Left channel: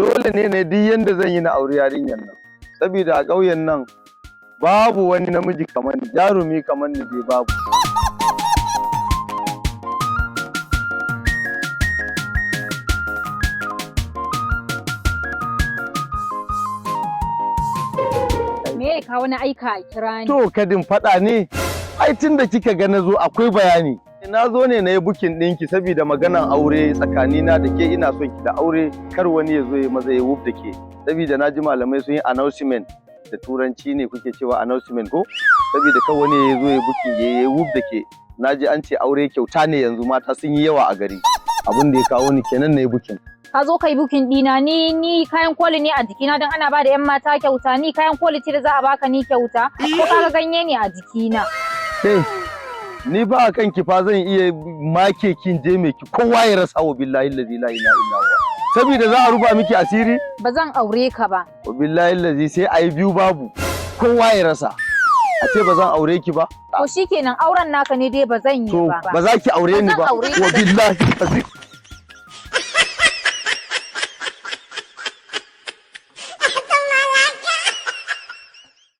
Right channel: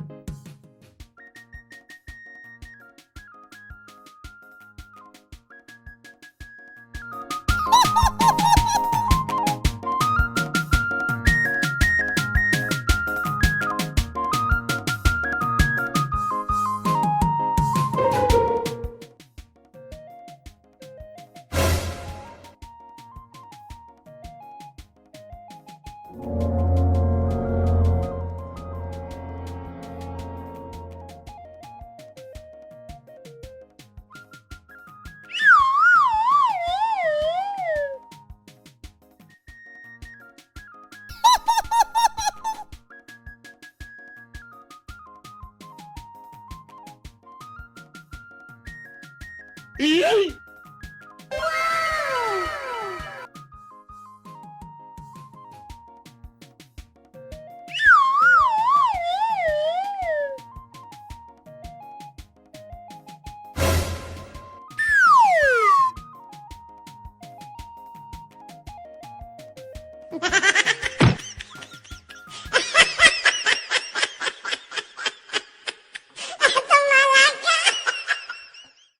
dole ne duk yanda zan yi na aure yarinyar nan. Saboda a ƙauyen nan babu wani namiji kamar ni, jarumi kamar ni dai babu. Me ka wani aika a kira ni? To kadin faɗa ne, ai tun da kika ga na zo akwai bayani. Na zo ne na yi bukin ɗinki saboda maganan aure tsakanina da ke, ina son ki da aure, kar wani ya zo ya maza ya wuf da ke. Saboda na ji malamai sun yi announcement, da turanci ne kuke cewa announcement ko? Saboda kar wani ya zo ya bukin ya wuf da ke. Na ji an ce aure kyauta ne yanzu, mata sun yi yawa a gari. Abin da ya kawo ni kenan na yi bukin. Ka zo kai bukin dina ni kayan koli ne a jikina don ana ba da 'yan mata kyauta, ni kayan koli ce da za a baka ni kyauta, ko ka ganye ne a jikina. Ni ba a kanki fa zan iya make kin je mai ki kowa ya rasa wa billahi allazi la ilaha illa huwa. Saboda za a ruba miki asiri? Ba zan aure ka ba. Wa billahi allazi sai ayi biyu babu. Kowa ya rasa. A ce ba zan aure ki ba? To shikenan auren naka ne dai ba zan yi ba. Ba za ki aure ni ba. Wa billahi allazi